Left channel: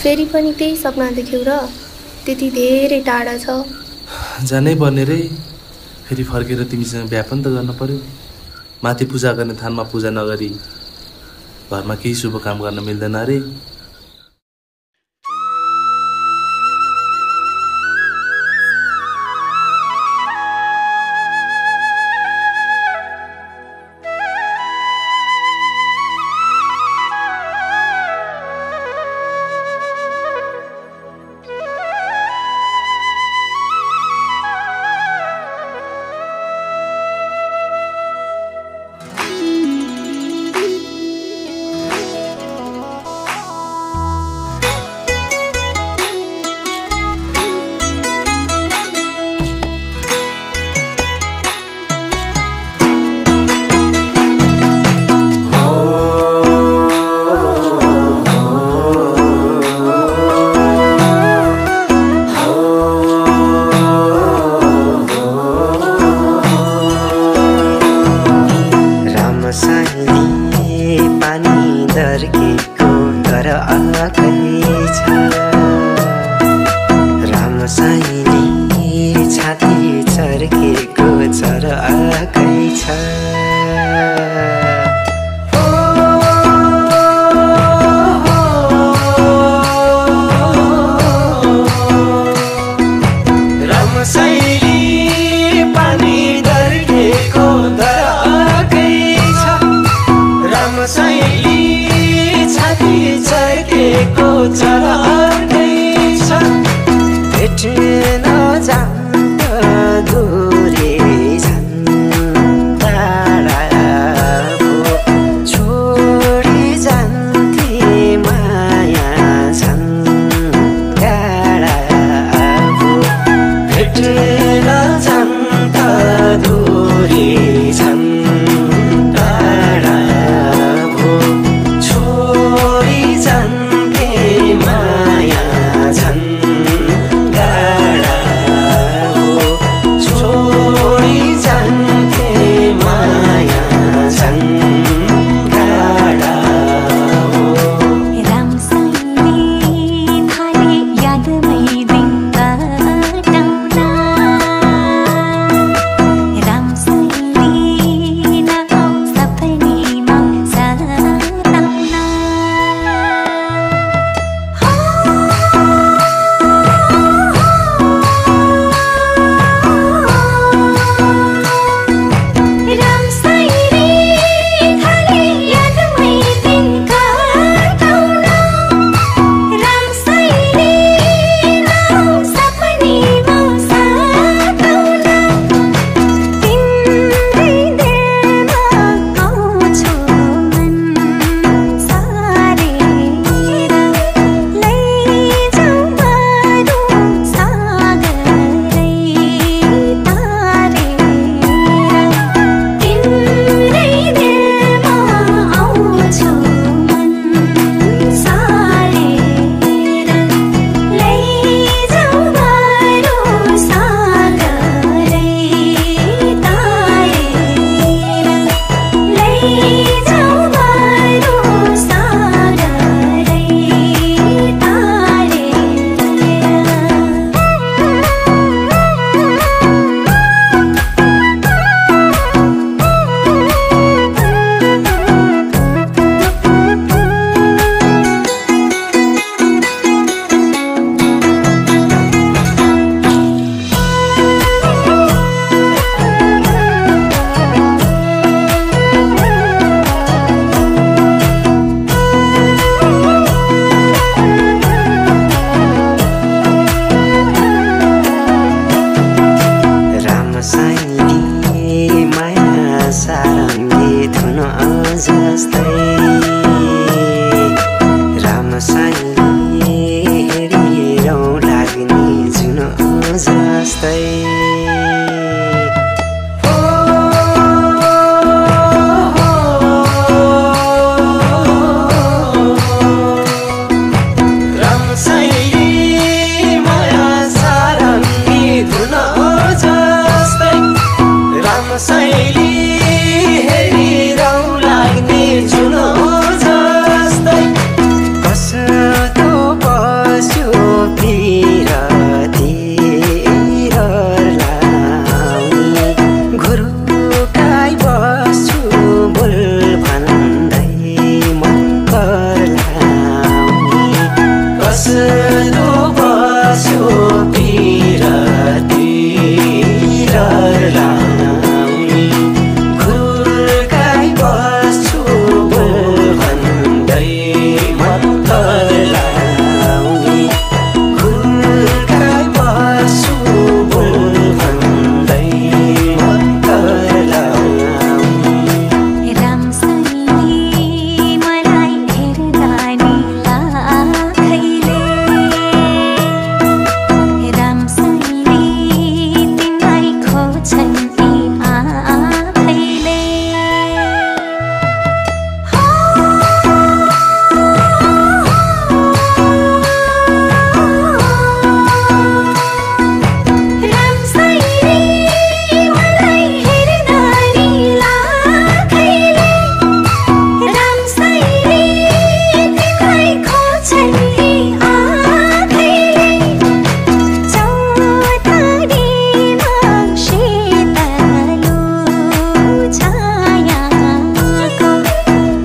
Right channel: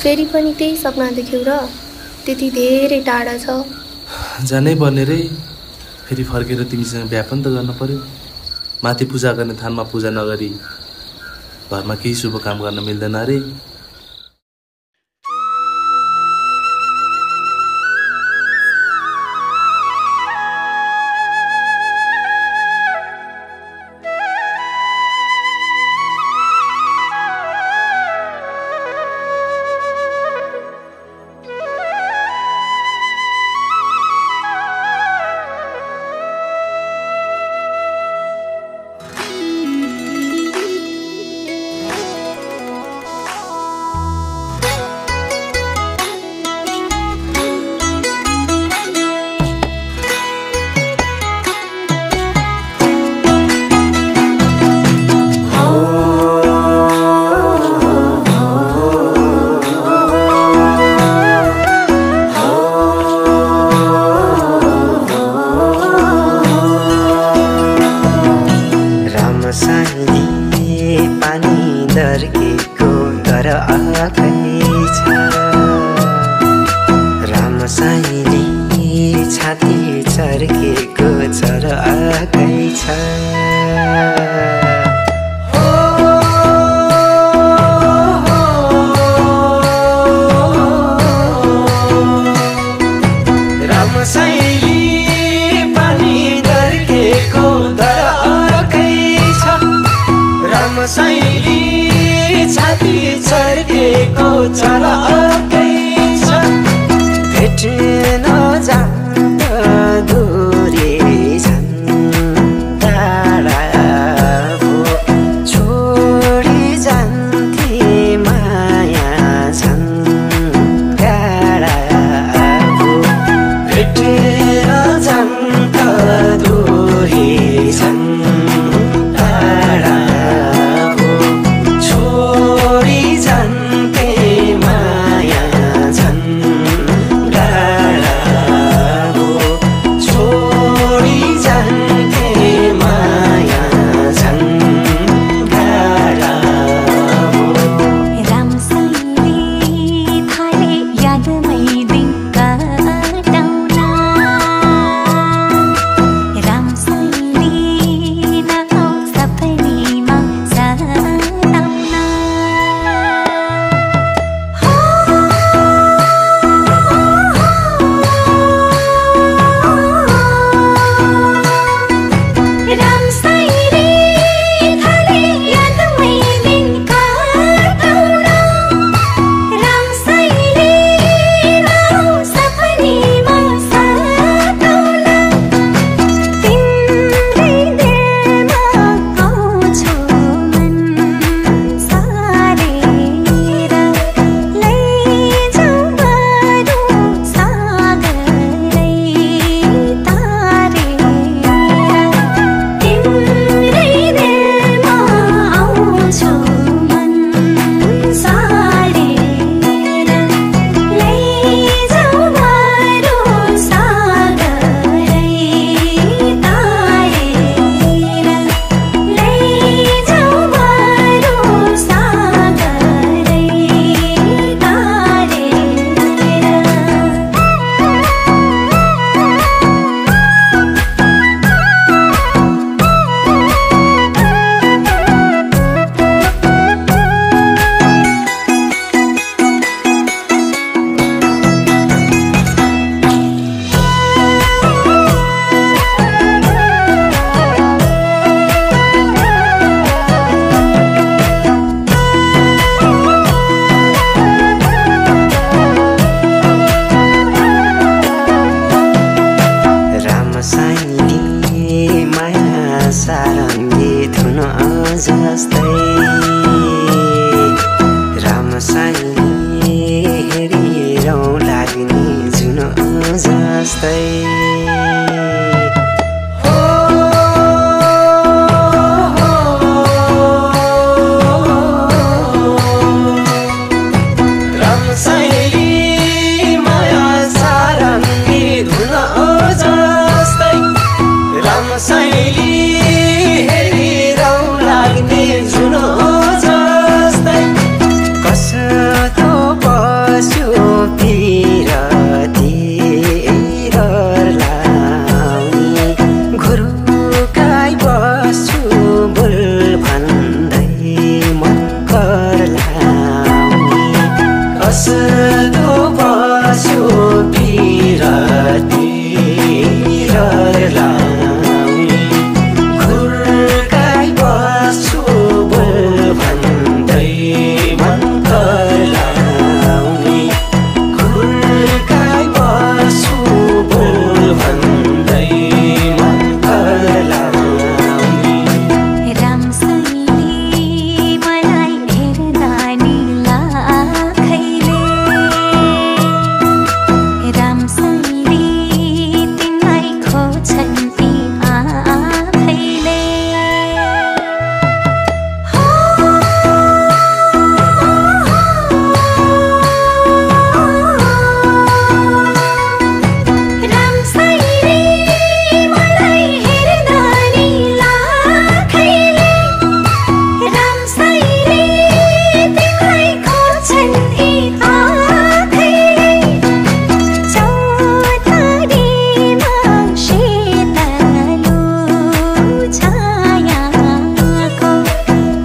फेरि पनि त्यही सपना देख्यौ र त्यति धेरै टाढा छ। जानै पर्ने रे, फेरि फर्केर तिमीसँग बिहा पनि त गर्न पर्यो। माथि पूजा गर्ने थानमा पूजा नगरी घरमा केही शुभ काम गर्न मिल्दैन रे। शैली हेरिरौ लाग्ने जुनो जस्तै कस्तो बस्यो पिरती लाउने घुरुकाइ बस्छु बोल भन्दै मन कर लाउने कस्तो बस्यो पिरती लाउने घुरुकाइ बस्छु बोल भन्दै मन कर लाउने घुरुकाइ बस्छु बोल भन्दै मन कर लाउने रामसँगले मलाई हेर्दा नि लाखैले रामसँगले तिमीलाई खोज्छन् यी आँखैले रामसँगले मलाई हेर्दा नि लाखैले रामसँगले तिमीलाई खोज्छन् यी आँखैले चौतारीमा शीतलो छायाको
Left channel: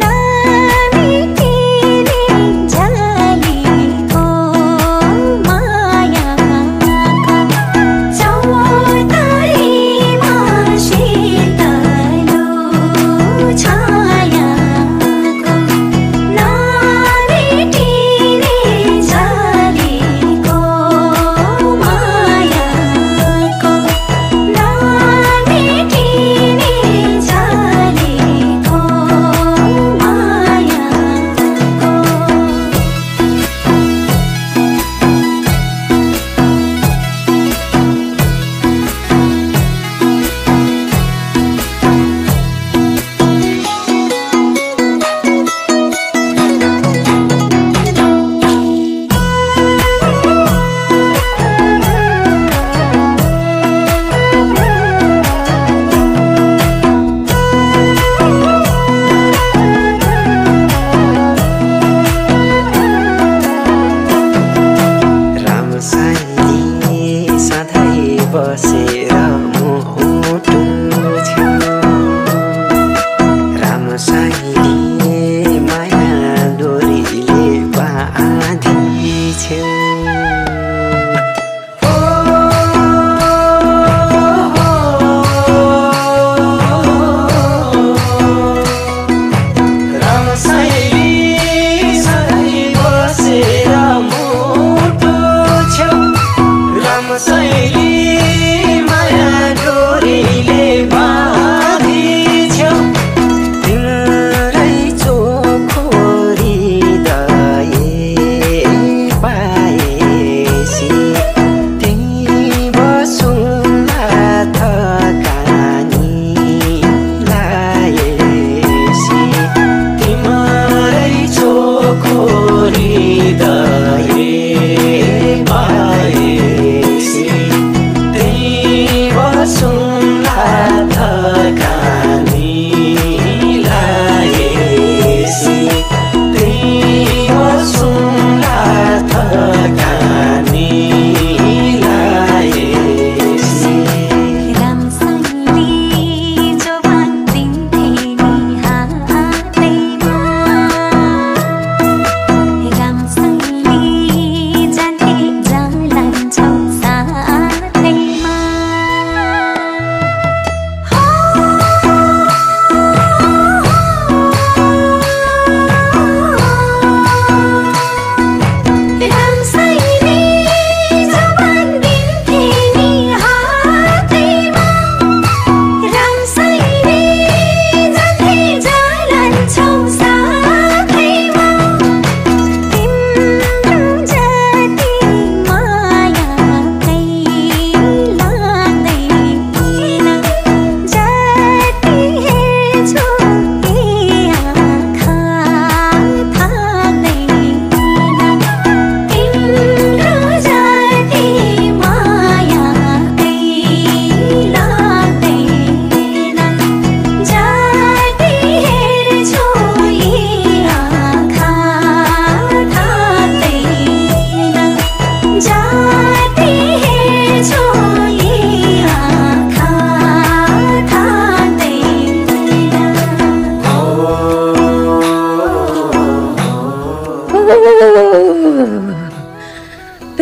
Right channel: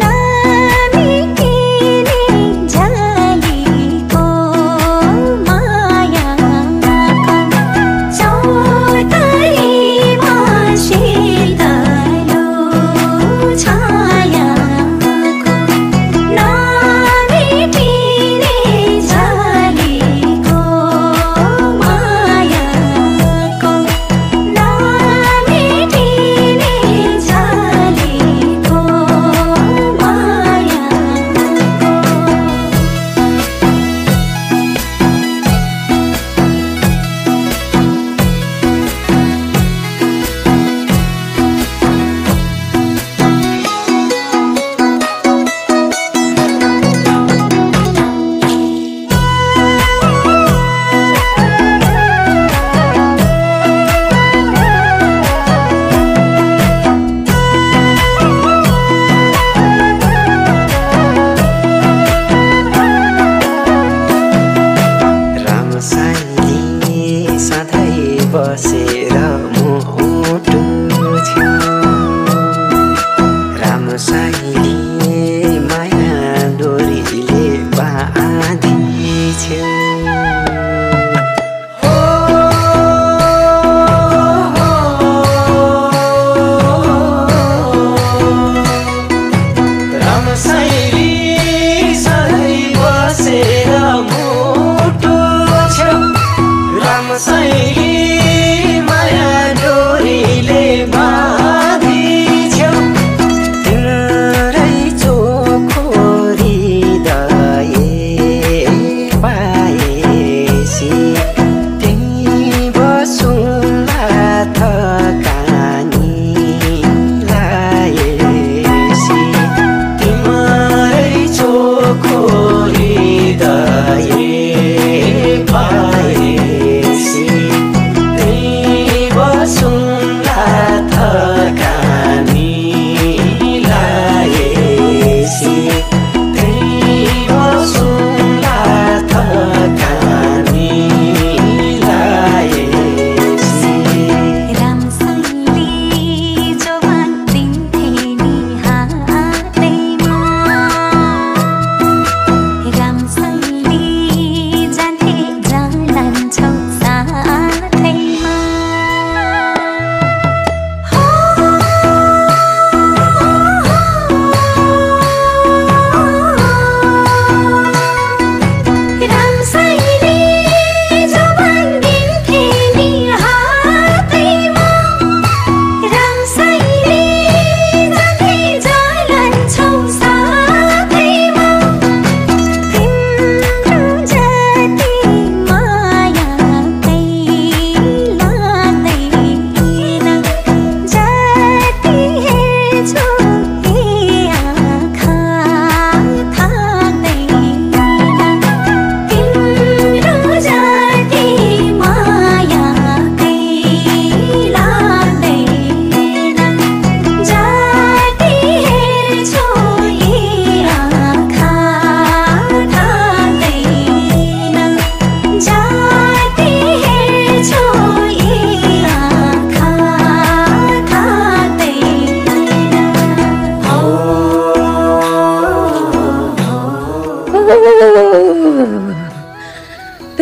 नबिग्रिने जालीको मायाको चौतारीमा शीतलो छायाको नबिग्रिने जालीको मायाको नबिग्रिने जालीको मायाको रामसँगले सधैँ बसेर मुटु छेउ रामसँगले माया डोरीले बाँधिछेउ रामसँगले सधैँ बसेर मुटु छेउ रामसँगले माया डोरीले बाँधिछेउ तिम्रै चोखो हृदय पाए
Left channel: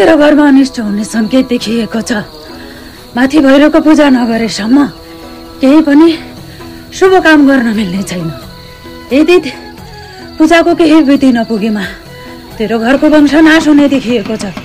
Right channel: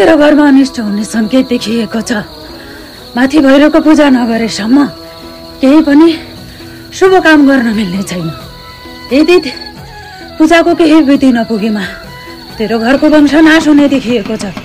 तेरो घरमा अनिष्ट हुने सङ्केत देखिएको छ। माथि भैरवको पूजा नगरेसम्म केही पनि शुभ काम गर्न मिल्ने छैन। यदि पूजाको केही विधि नपुगेमा तेरो घरको वंश नाश हुने देखिएको छ।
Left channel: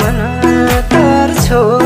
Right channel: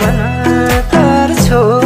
मन तर छो